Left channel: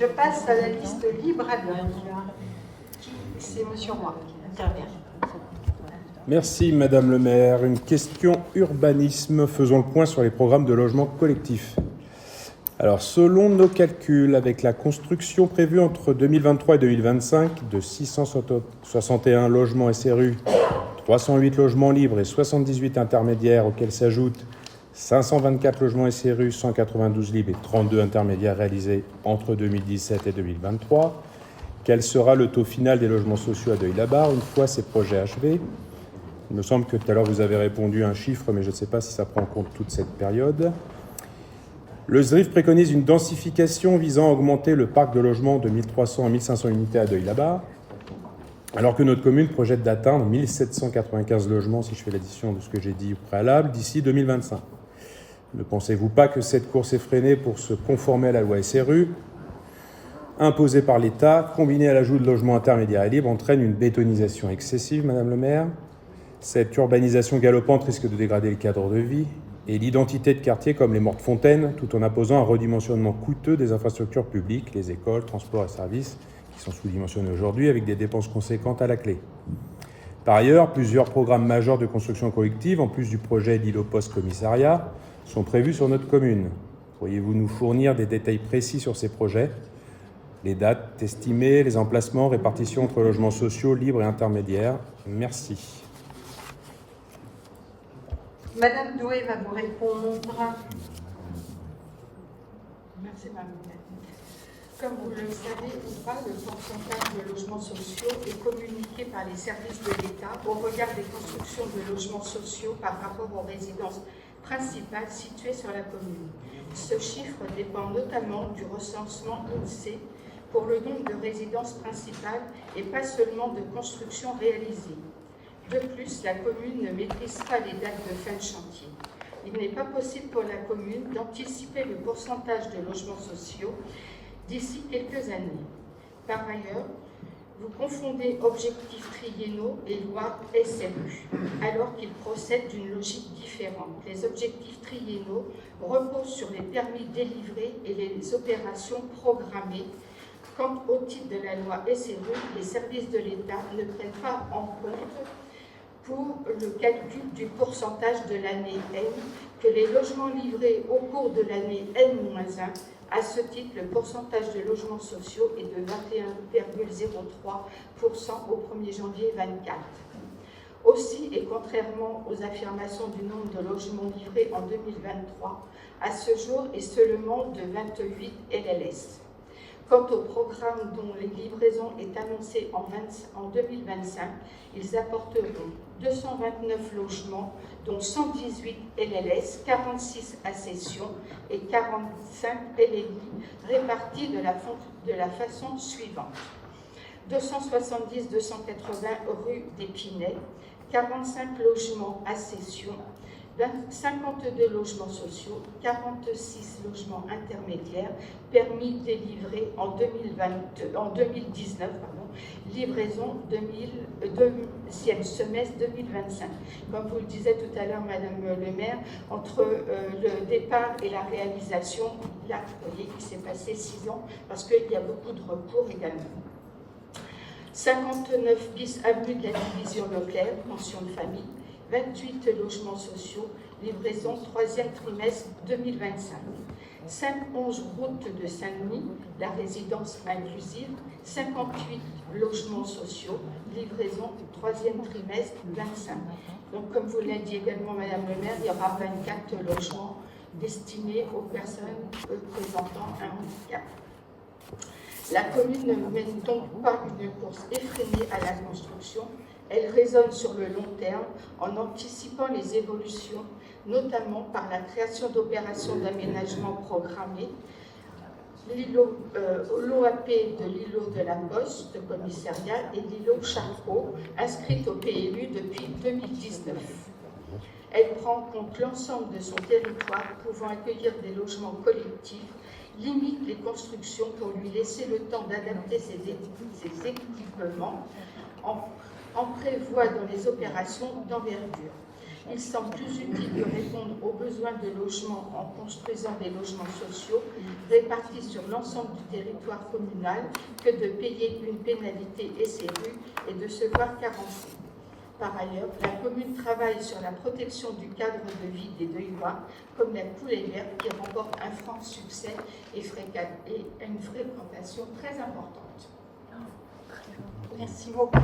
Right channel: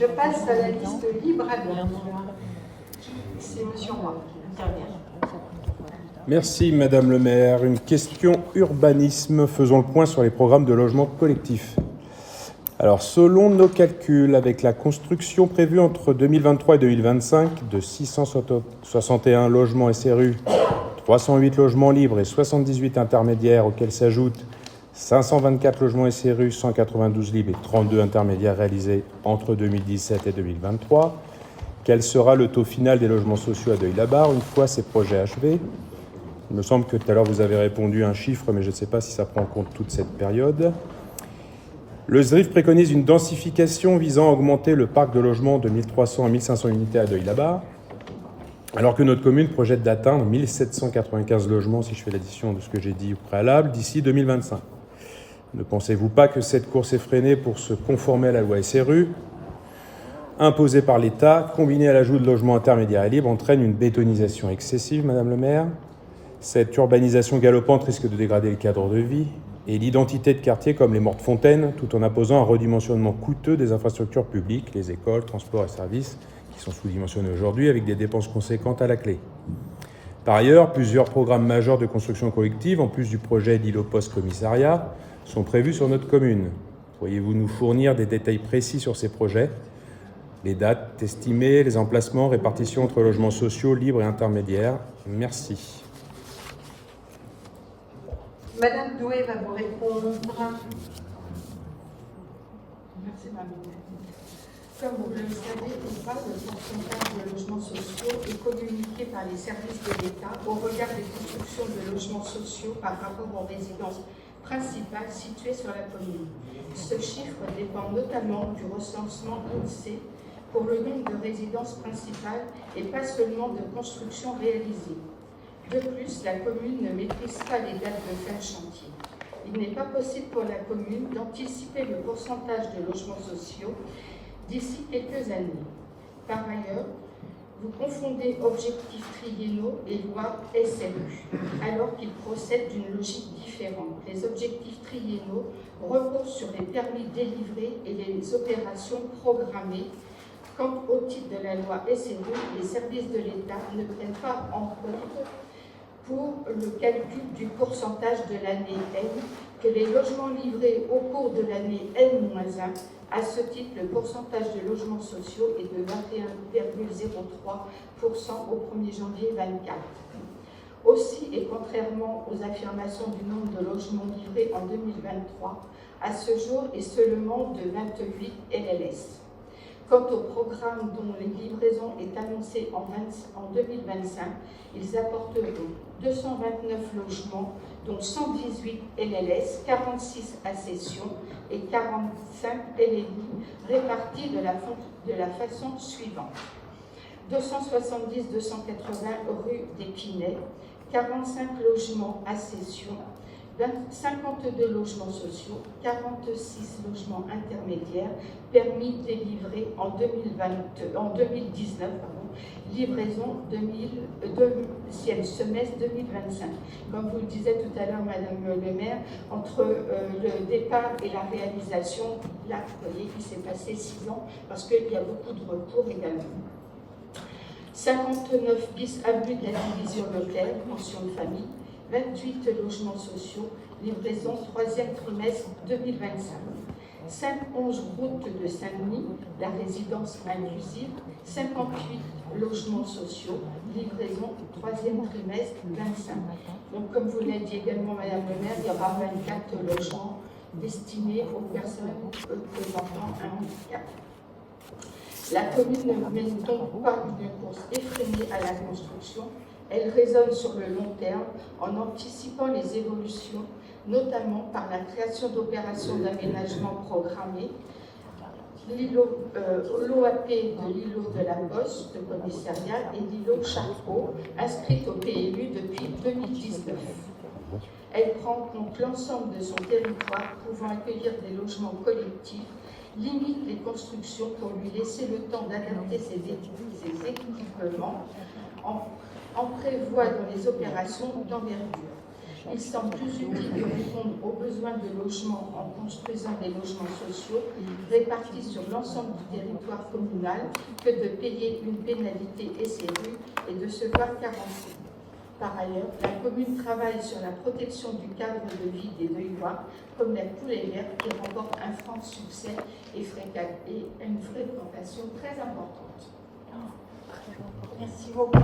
Je passe à la liste libre à l'heure. C'est Monsieur Roy qui intervient. Merci Madame le maire. Une question urbanisme. Faisons le point sur les programmes de logement collectif. Alors, selon nos calculs, avec la construction prévue entre 2023 et 2025 de 661 logements SRU, 308 logements libres et 78 intermédiaires, auxquels s'ajoutent 524 logements SRU, 192 libres et 32 intermédiaires réalisés entre 2017 et 2023, quel sera le taux final des logements sociaux à Deuil-la-Barre une fois ces projets achevés? Il me semble que tout à l'heure vous avez répondu à un chiffre, mais je ne sais pas si ça prend en compte toute cette période. Le SDRIF préconise une densification visant à augmenter le parc de logements de 1300 à 1500 unités à Deuil-la-Barre, alors que notre commune projette d'atteindre 1795 logements, si je fais l'addition de ce que j'ai dit au préalable, d'ici 2025. Ne pensez-vous pas que cette course effrénée pour se conformer à la loi SRU, imposée par l'État, combinée à l'ajout de logements intermédiaires et libres, entraîne une bétonisation excessive, Madame le maire? Cette urbanisation galopante risque de dégrader le cadre de vie et l'identité de quartiers comme les Mortes-Fontaines, tout en imposant un redimensionnement coûteux des infrastructures publiques, les écoles, transports et services, qui sont sous-dimensionnés aujourd'hui avec des dépenses conséquentes à la clé. Par ailleurs, plusieurs programmes majeurs de construction collective, en plus du projet d'îlot post-commissariat, sont prévus sur notre commune. Pourriez-vous nous fournir des détails précis sur ces projets? Les dates estimées, les emplacements, répartition entre logements sociaux, libres et intermédiaires. Merci. Madame Doué va vous répondre. Merci, Madame Doué. Comme vous le savez ou pas, le pourcentage de logements sociaux est communiqué par les services de l'État au regard des constructions de logements sociaux par rapport aux résidences principales situées sur la commune. Ce chiffre dépend notamment du recensement INSEE pour le nombre de résidences principales et pas seulement de constructions réalisées. De plus, la commune ne maîtrise pas les dates de fin de chantier. Il n'est pas possible pour la commune d'anticiper le pourcentage de logements sociaux d'ici quelques années. Par ailleurs, vous confondez objectifs triennaux et loi SRU, alors qu'ils procèdent d'une logique différente. Les objectifs triennaux reposent sur les permis délivrés et les opérations programmées. Quant au titre de la loi SRU, les services de l'État ne prennent pas en compte pour le calcul du pourcentage de l'année N que les logements livrés au cours de l'année N-1. À ce titre, le pourcentage de logements sociaux est de 21,03% au 1er janvier 2024. Aussi, et contrairement aux affirmations du nombre de logements livrés en 2023, à ce jour est seulement de 28 LLS. Quant au programme dont la livraison est annoncée en 2025, ils apporteront 229 logements, dont 118 LLS, 46 accessions et 45 LLI, répartis de la façon suivante. 270-280 rue d'Épinay, 45 logements accessions, 52 logements sociaux, 46 logements intermédiaires, permis délivrés en 2019, livraison deuxième semestre 2025. Comme vous le disiez tout à l'heure, Madame le maire, entre le départ et la réalisation, là, vous voyez, il s'est passé 6 ans, parce qu'il y a beaucoup de recours également. 59 bis avenue de la Division Leclerc, pension de famille, 28 logements sociaux, livraison 3e trimestre 2025. 511 route de Saint-Louis, la résidence inclusive, 58 logements sociaux, livraison 3e trimestre 2025. Donc, comme vous l'avez dit également, Madame le maire, il y aura 24 logements destinés aux personnes présentant un handicap. La commune ne mène donc pas une course effrénée à la construction. Elle raisonne sur le long terme en anticipant les évolutions, notamment par la création d'opérations d'aménagement programmées, l'OAP de l'îlot de la Bosse, de commissariat, et l'îlot Charcot, inscrite au PLU depuis 2019. Elle prend en compte l'ensemble de son territoire pouvant accueillir des logements collectifs, limite les constructions pour lui laisser le temps d'adapter ses équipements, en prévoit dans les opérations d'envergure. Il semble plus utile de répondre aux besoins de logement en construisant des logements sociaux répartis sur l'ensemble du territoire communal que de payer une pénalité SRU et de se voir carencer. Par ailleurs, la commune travaille sur la protection du cadre de vie des Leuillois, comme la Poulaillère qui remporte un franc succès et une fréquentation très importante. Merci beaucoup.